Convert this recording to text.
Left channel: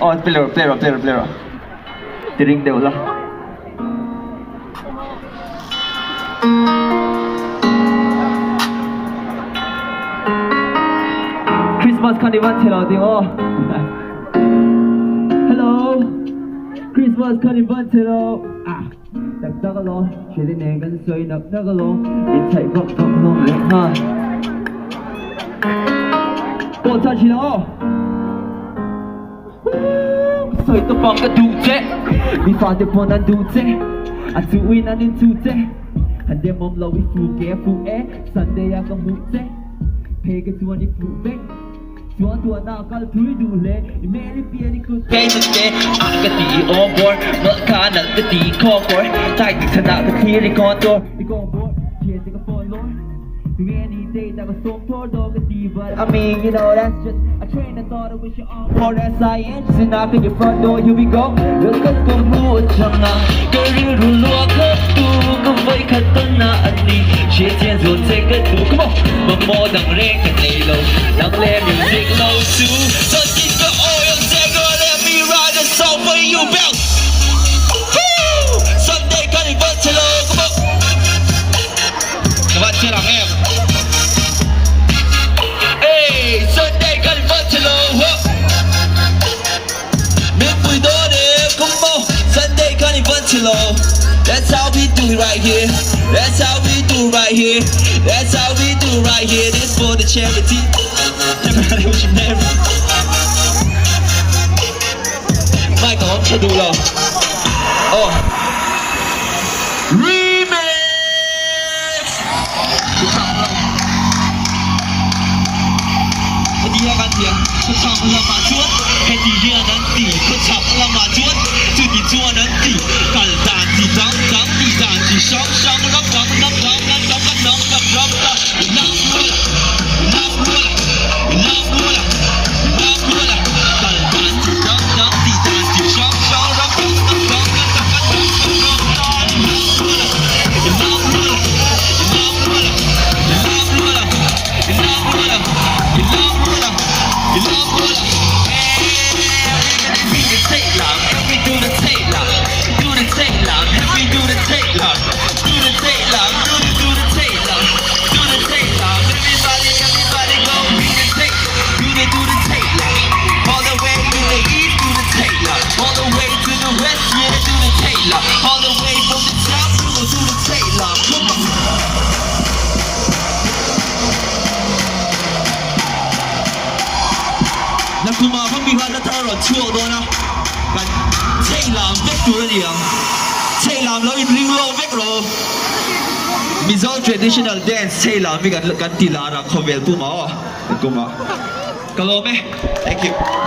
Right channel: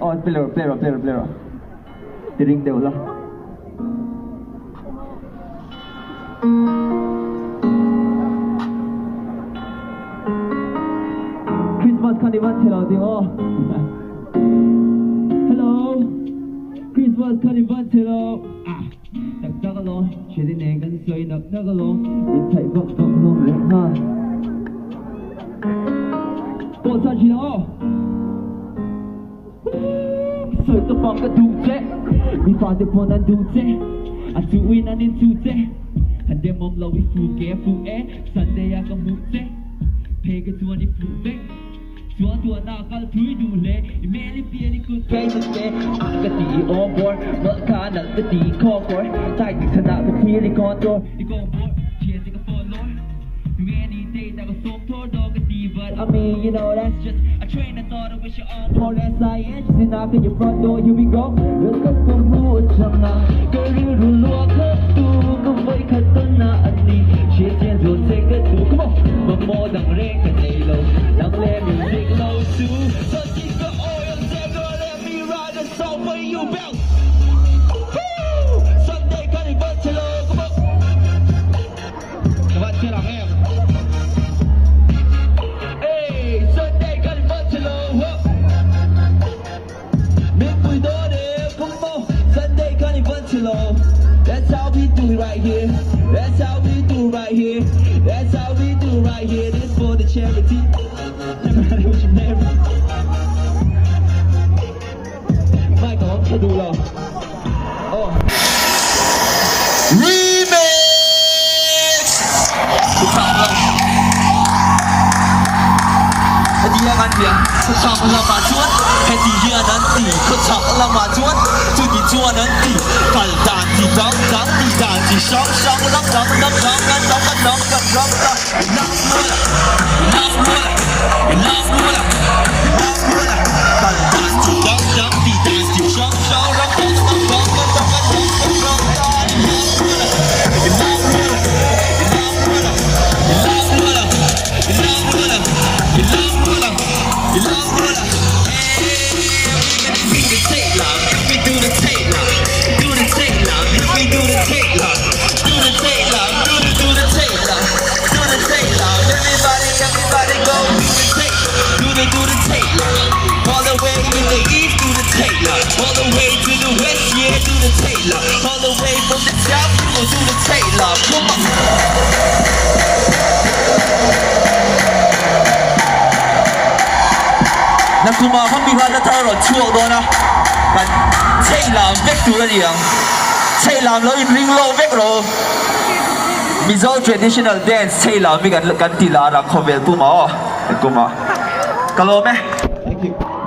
Oh, player. Tiring deh ulah. Christmas carnival chelo ding oh. Hello. Christmas carnival chelo. Ah. Dag lo, chuyện đi nè gần xoay nập dag lo. Đi chạy vấp vòng lo lệ ha. Cô ta chỉ lo. Xoay tập bằng cái đủ chế. Mi pha để bọn anh đủ chế. Anh chú ý anh nên chú chế. Anh đem mong lâu phụ ké phụ é. Sunday à có mũ chế. Pay cái chua đi phụ bếch. Chua tua nào cả thui đủ lệ. Mẹ đi bia đi cứ cây một chế. Anh cái tí on board. Mở khá nặng cái tí call for. Chạy thì thân đạo cái tí đi con door. Đi con board. Chia thì cái phone lord. Do any day that was so poor dog a D, but I mean, you know, that's just a train. I thought it was your arm for that science. Just knock at your front door, here we go. Look at the mood, changa. Girl, you look up to the way cut the nani. She can't do take it to come on. But more than rain can lay low. Now let music low too. So keep the oil, take girl, let me ride a song for you, bounce. Sunday, got it, but hello, come on. Come on, chill out, man. That's how we do it right here. That's how we do right here. That's how we do right here. This for the charity. Everybody with your name. Michael, I'm gonna do it all. Oh. Remix. Dia kan dia, kecam lama cuan, hati dia nanti, kecam lama cuan, jadi cuan nanti, kal danci dang dang di danci shang shang ram ram ram ram ram ram ram ram ram ram, love mula, kal danci dang dang di danci shang shang ram ram ram ram ram all the way from the south, we gon' do the Taylor. Come on. Na kuma phong bi hoa thar rồi chuộc đó na. Kan Taylor vết tu là gì Taylor lo in ring low vết rồi. Mizo traditional dance Taylor mi kan tila ra khovel pu ma. Kuma. Kalau meh. Thank you.